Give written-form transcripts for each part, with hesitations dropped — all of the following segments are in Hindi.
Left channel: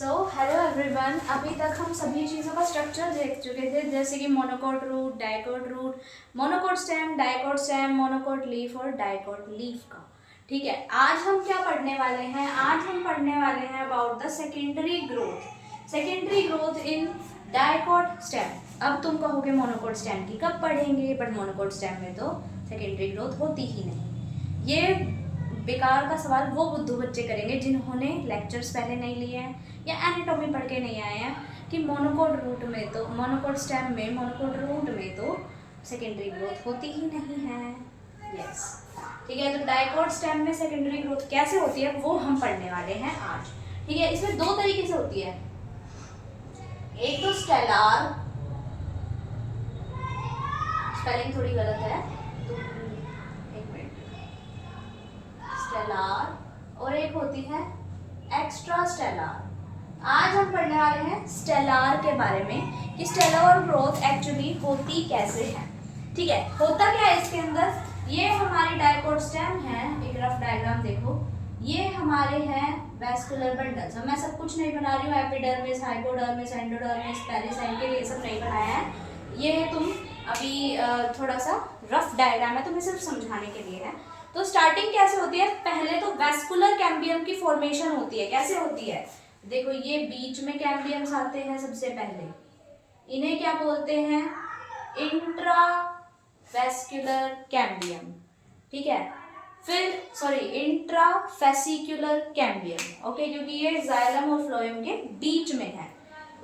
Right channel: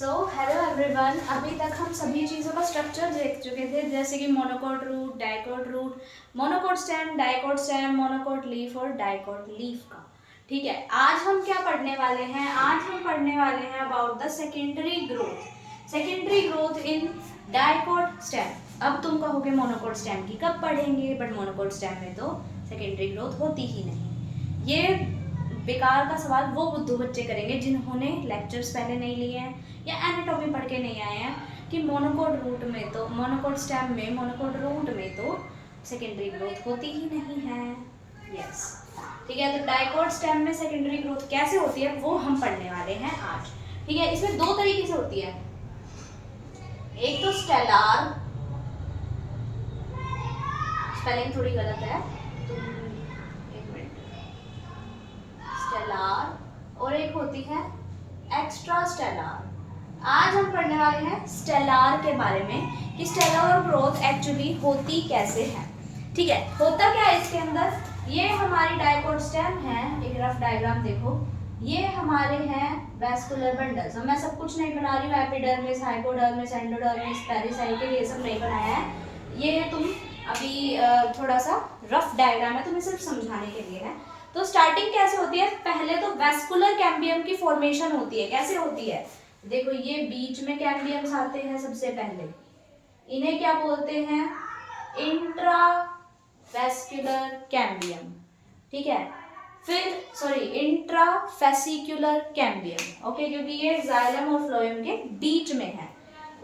Hello everyone. अभी तक हम सभी चीज़ों का स्ट्रक्चर देख चुके थे, जैसे कि monocot root, dicot root, monocot stem, dicot stem, monocot leaf और डाइकोट लीफ का। ठीक है, आज हम क्या पढ़ने वाले हैं? आज हम पढ़ने वाले हैं about the secondary growth in dicot stem. अब तुम कहोगे मोनोकोट स्टेम की कब पढ़ेंगे, बट मोनोकोट स्टेम में तो सेकेंडरी ग्रोथ होती ही नहीं। ये बेकार का सवाल वो बुद्धू बच्चे करेंगे जिन्होंने लेक्चर्स पहले नहीं लिए हैं या एनाटॉमी पढ़ के नहीं आए हैं कि मोनोकोट रूट में तो मोनोकोट स्टेम में मोनोकोट रूट में तो सेकेंडरी ग्रोथ होती ही नहीं है। यस, ठीक है। तो डाइकोट स्टेम में सेकेंडरी ग्रोथ कैसे होती है वो हम पढ़ने वाले हैं आज। ठीक है, इसमें दो तरीके से होती है। एक तो स्टेलार, स्पेलिंग थोड़ी गलत है तो एक मिनट, स्टेलार, और एक होती है एक्स्ट्रा स्टेलार। आज हम पढ़ने वाले हैं स्टेलार के बारे में कि स्टेलर ग्रोथ एक्चुअली होती कैसे है। ठीक है, होता क्या है इसके अंदर? ये हमारी डाइकोट स्टेम है, एक रफ डायग्राम देखो। ये हमारे हैं वैस्कुलर बंडल्स। मैं सब कुछ नहीं बना रही हूँ, एपिडर्मिस, हाइपोडर्मिस, एंडोडर्मिस, पेरिसाइकिल, ये सब नहीं बनाया है। ये तुम अभी थोड़ा सा रफ डायग्राम है, तुम्हें सिर्फ समझाने के लिए है। तो स्टार्टिंग कैसे होती है? पहले तो वैस्कुलर कैम्बियम की फॉर्मेशन होती है। कैसे होती है? देखो, ये बीच में कैम्बियम्स आते हैं सबसे पहले, इन्हें क्या बोलते हैं? Intravascular cambium. ठीक है, फिर इंट्राफेसिकुलर कैम्बियम। ओके, क्योंकि ये जाइलम और फ्लोएम के बीच में है।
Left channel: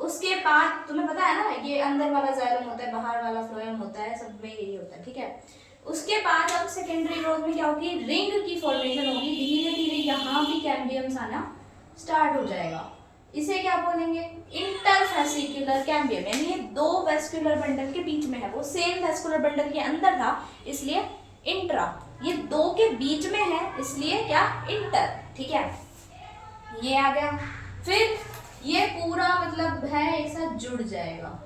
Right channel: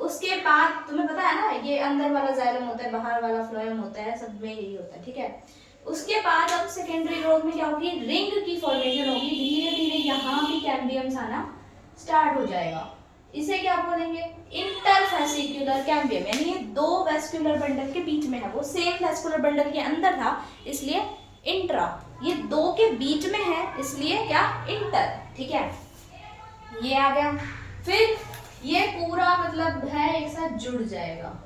उसके बाद तुम्हें पता है ना, ये अंदर वाला जाइलम होता है, बाहर वाला फ्लोएम होता है, सब में यही होता है। ठीक है, उसके बाद अब सेकेंडरी ग्रोथ में क्या होगी? रिंग की फॉर्मेशन होगी। धीरे धीरे यहाँ भी कैम्बियम्स आना स्टार्ट हो जाएगा। इसे क्या बोलेंगे? Interfascicular cambium. यानी ये दो वेस्कुलर बंडल के बीच में है, वो सेम वेस्कुलर बंडल के अंदर था इसलिए इंट्रा, ये दो के बीच में है इसलिए क्या? इंटर। ठीक है, ये आ गया। फिर ये पूरा मतलब है एक साथ जुड़ जाएगा।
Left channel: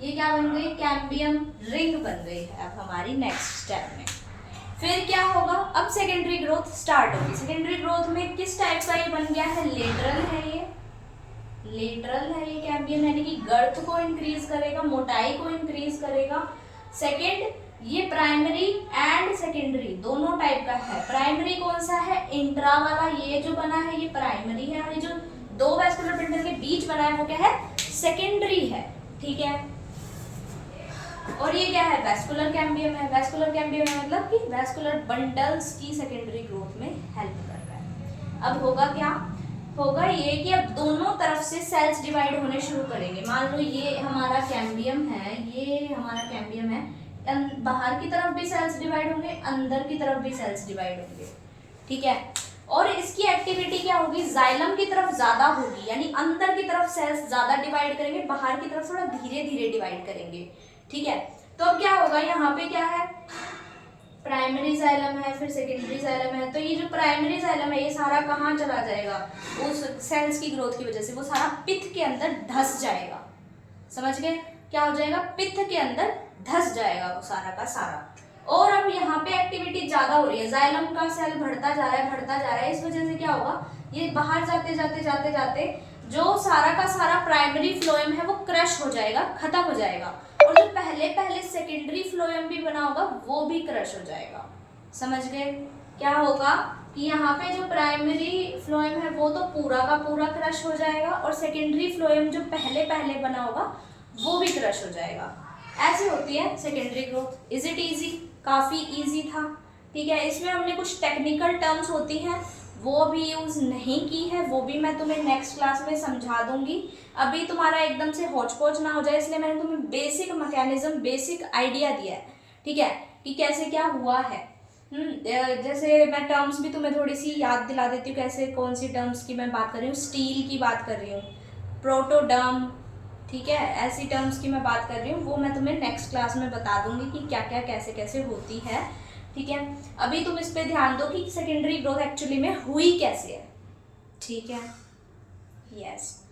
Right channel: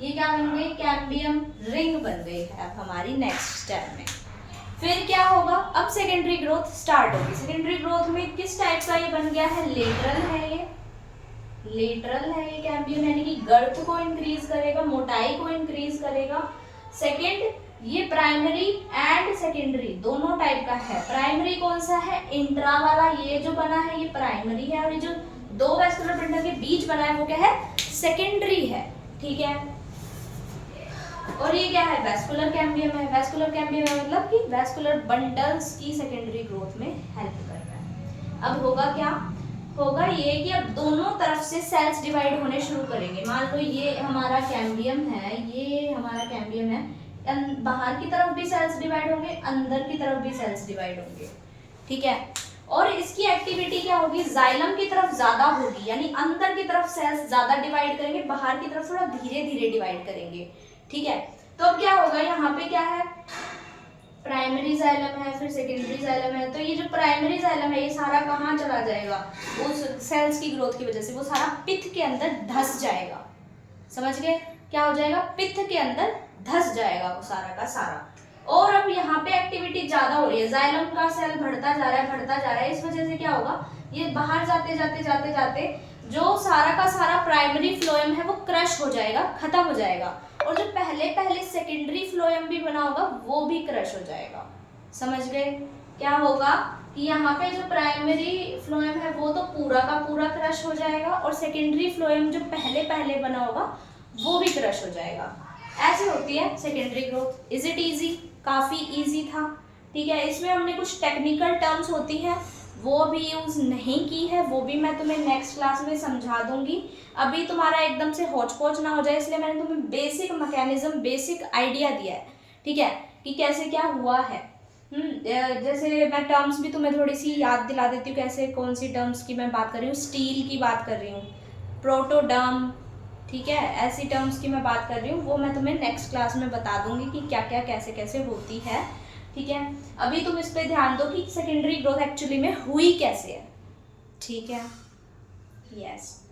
ये क्या बन गई? कैम्बियम रिंग बन गई है अब हमारी नेक्स्ट स्टेप में। फिर क्या होगा? अब सेकेंडरी ग्रोथ स्टार्ट होगी। सेकेंडरी ग्रोथ में किस टाइप का ये बन गया है? लेटरल है। ये लेटरल है ये कैम्बियम, यानी कि गर्थ को इंक्रीज करेगा, मोटाई को इंक्रीज करेगा। सेकेंड, ये प्राइमरी एंड सेकेंडरी दोनों टाइप का है। प्राइमरी कौन सा है? इंट्रा वाला, ये जो बना है ये प्राइमरी है, और ये जो दो वैस्कुलर बंडल के बीच बना है वो क्या है? सेकेंडरी है। ठीक है, और ये क्या है? वैस्कुलर कैम्बियम है। वैस्कुलर कैम्बियम है मतलब कि वैस्कुलर बंडल्स की सेकेंडरी ग्रोथ में हेल्प कर रहा है। अब होगा क्या? होगा ये कि अब दोनों तरफ से सेल्स डिवाइड होने शुरू करेंगे। मान लो ये हमारा कैम्बियम है, ये हमारा कैम्बियम है, बाहर की तरफ भी सेल्स डिवाइड होंगे, अंदर की तरफ भी सेल्स डिवाइड होंगे। ठीक है, और इसकी एक्टिविटी क्या होगी? जाइलम की तरफ ज्यादा होगी, यानी अंदर की तरफ सेल्स ज्यादा डिवाइड करेंगे, बाहर की तरफ थोड़ा धीरे धीरे डिवाइड करेंगे। ठीक है, तो अब क्या होगा? यहाँ पे क्या है? प्राइमरी जाइलम है, फिर सेकेंडरी जाइलम है। तो ये जो प्राइमरी जाइलम है ये सारा कहाँ चला जाएगा? उस सेल्स की ग्रोथ की वजह से वो सारा पित्त के अंदर धस जाएगा। समझ गए? क्या हो जाएगा? पित्त के अंदर धस जाएगा वो सारा का सारा। और अब यहाँ पे एक्टिविटी ज्यादा हो रही है, जाइलम का सेल बढ़ता जा रहा है, बढ़ता जा रहा है। इस वजह से क्या होगा? ये बाहर जाते जाते जाते जाते जो सारा का सारा प्राइमरी फ्लोएम है वो क्रश हो जाएगा, खत्म हो जाएगा, और जो पहले पहले सेकेंडरी फ्लोएम भी बना होगा वो भी क्रश हो जाएगा। समझ गए? क्या होगा कि यहाँ पे जो प्राइमरी फ्लोएम है वो तो पूरा का पूरा क्रश हो जाएगा, और सेकेंडरी फ्लोएम जो पहले पहले बना होगा वो भी क्रश हो जाएगा। ऐसी होती है secondary growth. Is it easy? काफी इजी था। ठीक है, इसमें हमने कुछ टेक्निकल टर्म्स होती हैं वो भी यूज नहीं की है, वो भी मैं तुम्हें नेक्स्ट क्लास में समझा दूंगी। अभी तुम्हारा एकदम से होच पोच ना हो जाए इसलिए मैंने तुम्हें बेसिक मैकेनिज्म, बेसिक आइडिया दिया है। ठीक है, कि कैसे क्या हुआ है। जैसे मैं टर्म्स भी तुम्हें थोड़ी सी याद दिला देती हूँ, कैसे कौन सी टर्म्स की मैं बात कर रही हूँ। स्टील की बात कर रही हूँ, प्रोटोडर्म, ठीक है, ऐसी टर्म्स की मैं बात कर रही हूँ, वो मैं तुम्हें नेक्स्ट क्लास में बता दूंगी कि क्या क्या कैसे कैसे होती है। ठीक है, अभी तुम इस पे ध्यान दो कि सेकेंडरी ग्रोथ एक्चुअली में हुई कैसे है। ठीक है, यस।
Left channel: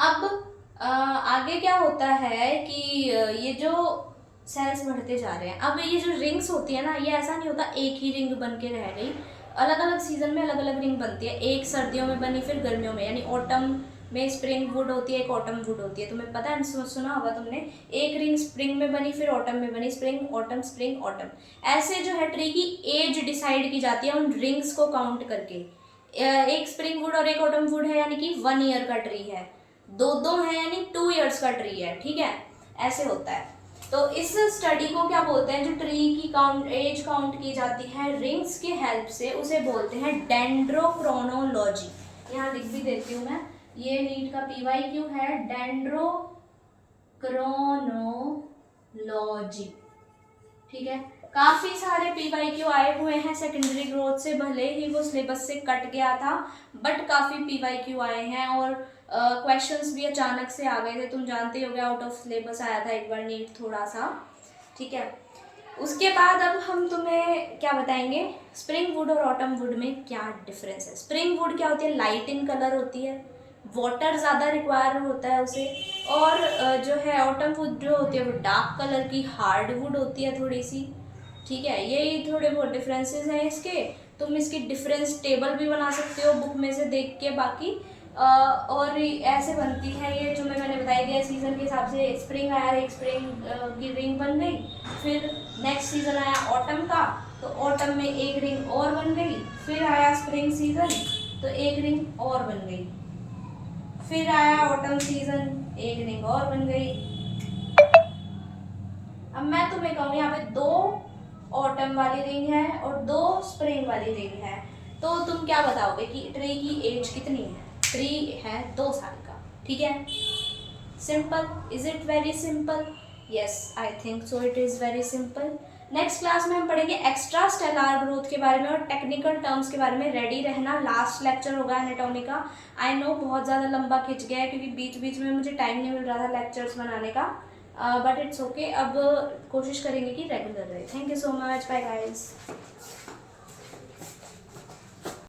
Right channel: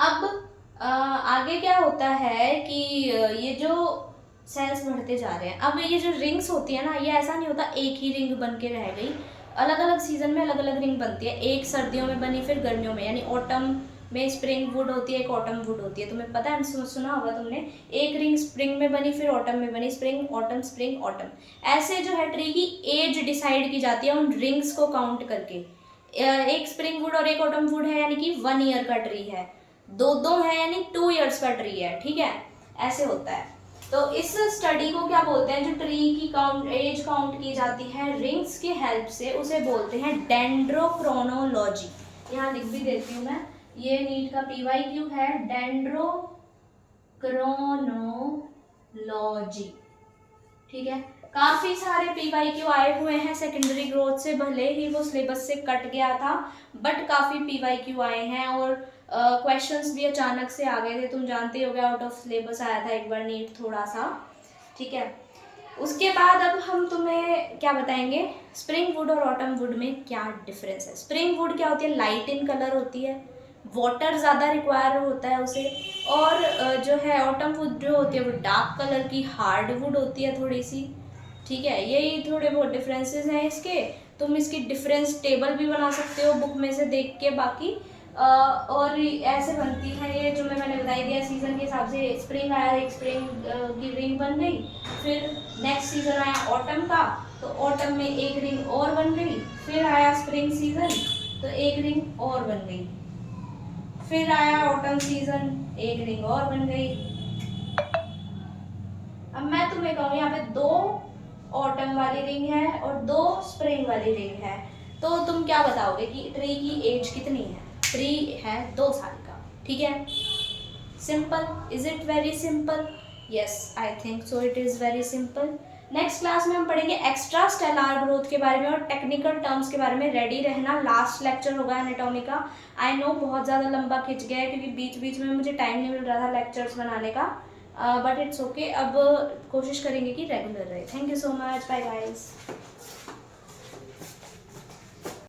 अब आगे क्या होता है कि ये जो सेल्स बढ़ते जा रहे हैं, अब ये जो रिंग्स होती है ना, ये ऐसा नहीं होता एक ही रिंग बन के रह गई, अलग अलग सीजन में अलग अलग रिंग बनती है। एक सर्दियों में बनी, फिर गर्मियों में, यानी ऑटम में स्प्रिंग वुड होती है, एक ऑटम वुड होती है। तुम्हें पता है, सुना होगा तुमने, एक रिंग स्प्रिंग में बनी, फिर ऑटम में बनी, स्प्रिंग ऑटम। ऐसे जो है ट्री की एज डिसाइड की जाती है उन रिंग्स को काउंट करके। एक स्प्रिंग वुड और एक ऑटम वुड है यानी कि 1 ईयर का ट्री है, दो है यानी 2 ईयर्स का ट्री है, ठीक है, ऐसे होता है। तो इस स्टडी को क्या बोलते हैं, जो ट्री की एज काउंट की जाती है रिंग्स की हेल्प से, उसे बोलते हैं डेंड्रोक्रोनोलॉजी। यहाँ लिख भी देती हूँ मैं, ये नीट का PYQ है, डेंड्रोक्रोनोलॉजी, ठीक है। काफी सारे PYQ आए हुए हैं सेकेंडरी ग्रोथ से, भले ही वो सिलेबस से कट गया था, बट काफी PYQ आए हैं और क्वेश्चंस भी अचानक से आ गए थे। तुम जानते हो, आउट ऑफ सिलेबस आया था एक बार नीट थोड़ा सा, ठीक है। उसके बाद अब हम तुम्हें क्या बताएंगे, स्प्रिंग वुड और ऑटम वुड में क्या डिफरेंस है। स्प्रिंग वुड क्या होती है, लाइट इन कलर होती है, वाटर ज़्यादा रिक्वायर होता है उसे, और जो है ऑटम वुड जो होती है वो डार्क कलर की हार्ड वुड होती है थोड़ी सी, ठीक है। यही थोड़े बहुत डिफरेंसेस हैं इसके। तुम इसकी डिफरेंस टेबल भी बना सकते हो बुक में से देख के। बाकी और ऐसे बनती है ये, जो मैंने बताई दिया सीज़न के हिसाब से। स्प्रिंग आया, एक स्प्रिंग की रिंग बन गई, फिर नेक्स्ट सीज़न आया ऑटम का, तो ऑटम में एक रिंग और बन गई, फिर आया स्प्रिंग सीज़न तो एक रिंग और बन गई, फिर आया ऑटम सीज़न, एक रिंग और बन गई। अब मैं तुम्हें कहूँ, यहाँ पे 2 ऑटम वाली रिंग है और 2 स्प्रिंग वाली रिंग है, तो तुम क्या बताओगे कि ट्री की एज कितनी है। ट्री है 2 साल का, ठीक है। Simple, is it very simple? Yes, I think so, it is very simple. Next class में हम पढ़ेंगे एक्स्ट्रा स्टेलर ग्रोथ के बारे में और टेक्निकल टर्म्स के बारे में। रेडी रहना, लास्ट लेक्चर होगा एनाटॉमी का। आई नो बहुत ज़्यादा लंबा खिंच गया है क्योंकि बीच बीच में मुझे टाइम नहीं मिल रहा था लेक्चर्स बनाने का, बट इट्स ओके। अब कोशिश करेंगे कि रेगुलर रहे। Thank you so much, bye guys.